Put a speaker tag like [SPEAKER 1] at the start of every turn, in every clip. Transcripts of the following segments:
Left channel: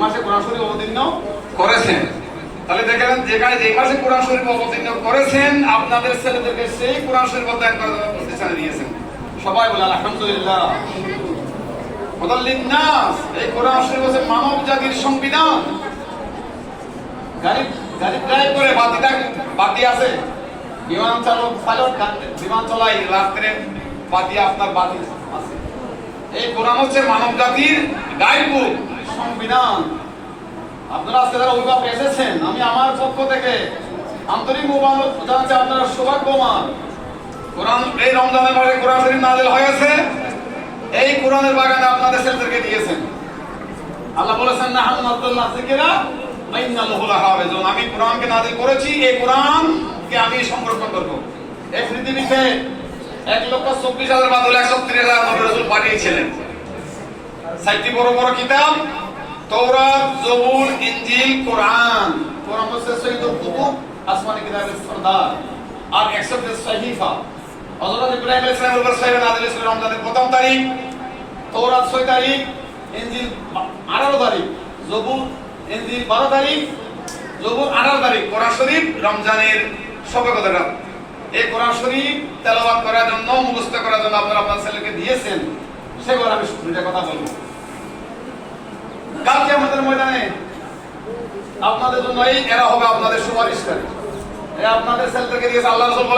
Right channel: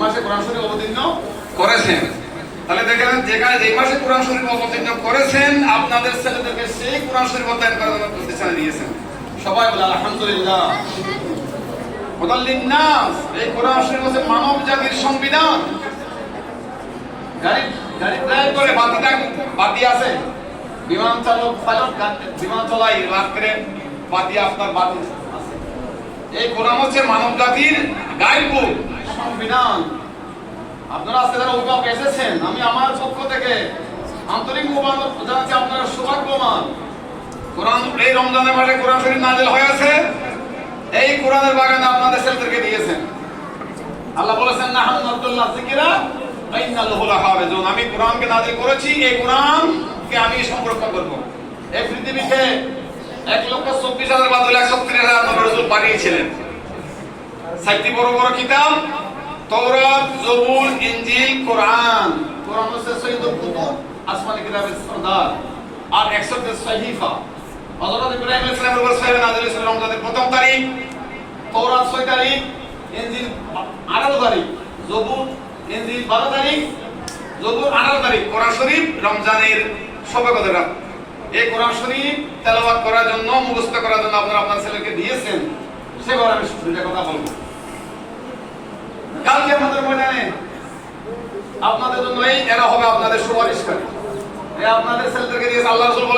[SPEAKER 1] মাসে কোরআন শরীফ অবতীর্ণ করেছেন। তাহলে দেখেন, যেখানে যে মাসে কোরআন শরীফ অবতীর্ণ করেছেন, আপনাদের ছেলেদেরকে সেই কোরআন শরীফ অধ্যয়ন করার জন্য প্রতিষ্ঠানে দিয়েছেন সবাই বলে, আলহামদুলিল্লাহ। মুদাল্লিন্নাস এই কোরআন শরীফ হচ্ছে মানব জাতির সংবিধান। গাড়ি গাড়ি করে বাতিটা বাতি আছে। বিমান চালক পাইলট বিমান চলাই রাত্রে বাতি, আপনার বাতি আছে। এই কোরআন হচ্ছে মানব জাতির গাইড বুক সংবিধান। আপনারা আজকে যারা অভিভাবক এসেছেন, আমি আমার পক্ষ থেকে আন্তরিক অভিভাবক জানাচ্ছি আপনারা সৌভাগ্যবান। কোরআন, এই রমজানের মাসে কোরআন শরীফ নাজিল হয়েছে। এই কোরআনের বাগানে আপনাদের ছেলেদেরকে দিয়েছেন। আল্লাহ বলেছেন না হাম আব্দুল্লাহ জিকিরা আমি কোরআনকে নাযিল করেছি, এই কোরআনকে আমি সংরক্ষণ করব। এই পৃথিবীতে এক লক্ষ চব্বিশ হাজার বাদল একষট্টি হাজার নবী রাসূল পাঠিয়েছিলেন। সাতটি বড় বড় কিতাব তৌরাত জবুর ইনজিল, কোরআন। কোরআন হচ্ছে কুতুব, আসমানি কিতাবের আর সহিফা। হযরত ইব্রাহিম আলাইহিস রমজানের প্রথম তারিখ তৌরাত তারিখ, ইনজিল আঠারো তারিখ জবুর ইনজিল বারো তারিখ জবুর আঠারো তারিখ, কোরআন শরীফ রমজানের সবে কদরাত এই কোরআন শরীফ তেলাওয়াত করার জন্য, মুখস্থ করার জন্য আপনারা আপনার ছেলেকে দিয়েছেন, সেবার আমি দুইটা কথা বলব। কালকে আমাদের ময়দানে আপনাদের জন্য এই এরা হবে আপনাদের সুপারিশকারী। আপনার জন্য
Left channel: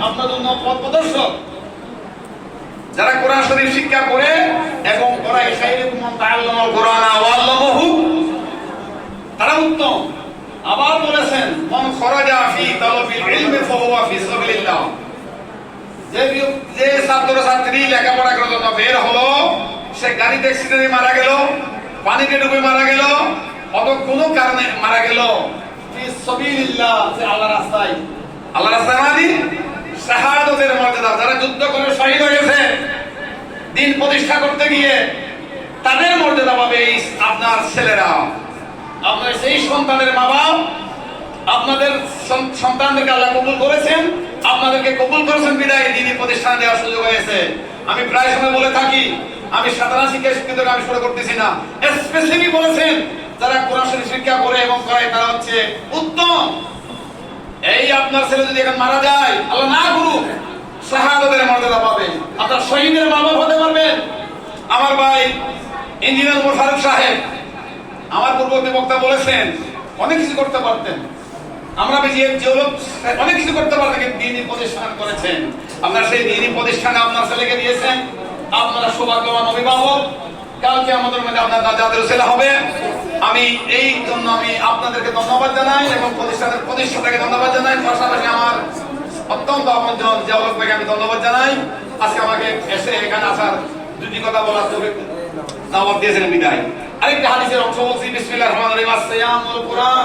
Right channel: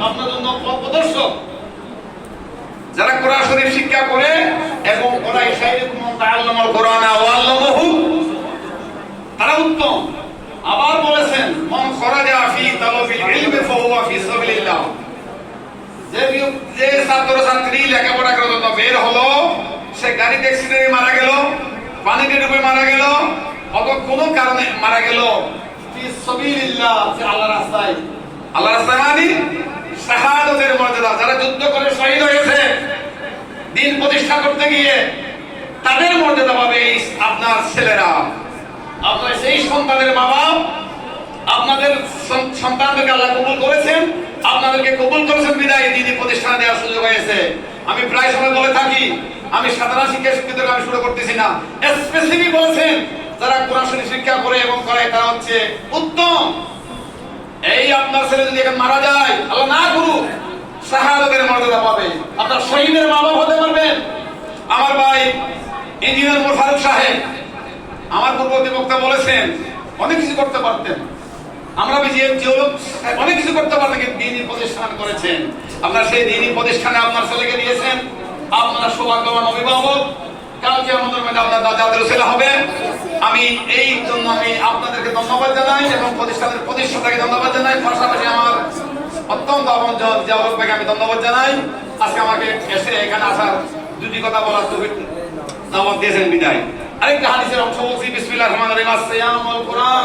[SPEAKER 1] আপনার জন্য পথ যারা কোরআন শরীফ শিক্ষা করে এবং কোরআন তারা উত্তম আবার বলেছেন মান খরাজা ফি তালাবিল ইলমি ফাহুয়া ফি সাবিলিল্লাহ যে ছাত্র ছাত্রী লেখাপড়া করার জন্য বের হলো, সে গাড়িতে অ্যাক্সিডেন্টে মারা গেল পানিতে ডুবে মারা গেল অথবা কোনো কারণে মারা গেল। আল্লাহর রাস্তায়। আল্লাহর রাস্তায় মানে শাহাদাতের মর্যাদা। যারা যুদ্ধ করে শহীদ হয়েছে, দিন প্রতিষ্ঠা করতে গিয়ে তাদের মর্যাদা পাবে আপনার ছেলেরা। আপনার সেই সন্তানের বাপ আপনাদের সন- সন্তানদেরকে আল্লাহ কবুল করেছেন, আপনাদেরকে কবুল করেছেন বিদায় দিনী প্রতিষ্ঠানে দেওয়ার সুযোগ হয়েছে। আমি প্রায় সময় বলে থাকি, আমি সাধারণ শিক্ষা শিক্ষিত আমি শুরু করতেছি না। স্পেসিফিক বলেছেন, যারা কোরআন শিক্ষা করে এবং করে তারা হচ্ছে উত্তম। এই আপনার ছেলে যদি এখানে মারা যায়, আল্লাহ না করুক, শাহাদাতের মর্যাদা পাবে। আপনার শহীদের মা বাপ হতে পারবেন। আমার ভাই ইঞ্জিনিয়ার মোশারফ সাহেব, আমার পূর্ববর্তী বক্তা বলেছেন, অনেক কিছু করতে পারতেন। আমরা যে যে অনেক কিছু করতে কিন্তু দিনই প্রতিষ্ঠান করেছেন। আপনার সেই দিনই প্রতিষ্ঠানে আপনার ছেলেকে দিয়েছেন। আপনারা সৌভাগ্যবান অভিভাবক। কালকে আমাদের মধ্যে আপনার দাদাদের ছেলে হবে। আমি এই জন্য আমি আপনাদেরকে ধন্যবাদ জানাই এবং প্রতিষ্ঠানের প্রতিষ্ঠাতাকে ধন্যবাদ জানাই। পাশাপাশি আমার অত্যন্ত আপন জাওয়াত ভাইকে আমি ধন্যবাদ জানাই। আজকে আমাকে এসে এখানে আসার দুটি কথা বলার তৌফিক দাওয়াত দিয়েছেন বিদায়। আরেকটা হাদিসের অংশ বলছি, বিসমিল্লাহির রহমানির রহিম। আসসালাম ওয়াল কুরআন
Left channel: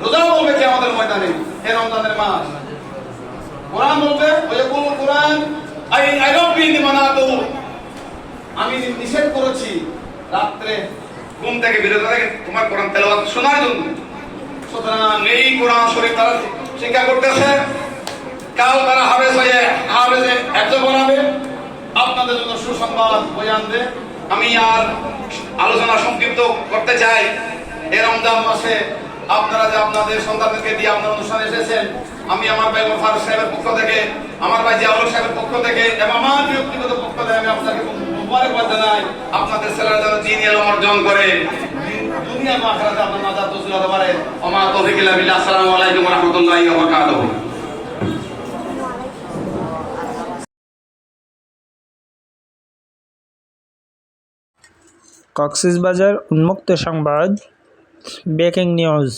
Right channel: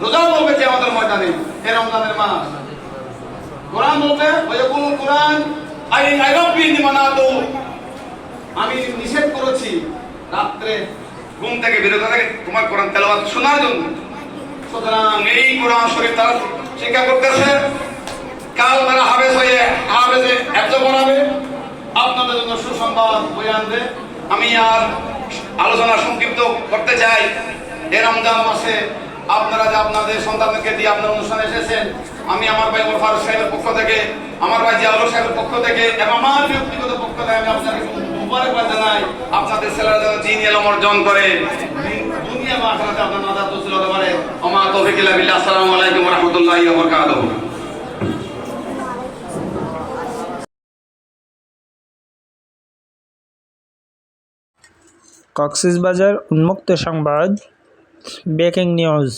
[SPEAKER 1] রোজা বলবে কি আমাদের ময়দানে এ রমজানের মাস কোরআন বলবে ওয়াকুল কোরআন, আই আই রব্বি আমি নিষেধ করেছি রাত্রে ঘুম থেকে বিরত থাকে তোমার কোরআন তেলাওয়াত শোনার জন্য। সুতরাং এই কোরআন শরীফ তারা শিক্ষা করতেছে, কাল তারা হাবে হয়ে হাবে একজন বানাবে, আপনাদের জন্য সুসংবাদ বয়ে আনবে। আমি আর আলোচনা সংক্ষিপ্ত করতে চাই। এ রমজান মাসে আপনারা যে আপনাদের সন্তানদেরকে দিয়ে আপনার অনুষ্ঠানে এসেছেন, আমি আমার ভাই মোফার সাহেবের পক্ষ থেকে, আমার ভাই জিয়াউল সাহেবের পক্ষ থেকে এবং আমার ব্যক্তিগত পক্ষ থেকে আমি আপনাকে মুবারকবাদ জানাই, আপনাদের ছেলেরা যেন এলম অর্জন করে। দুনিয়া বা আখেরাতে আপনার নাজাত নসিব হতে পারে। ওমা তৌফিক ইল্লা বিল্লাহ। আসসালামু আলাইকুম ওয়া রাহমাতুল্লাহি ওয়া বারাকাতুহু।
[SPEAKER 2] কক্সবাজার উন্মুক্ত সংবাদ। Breaking news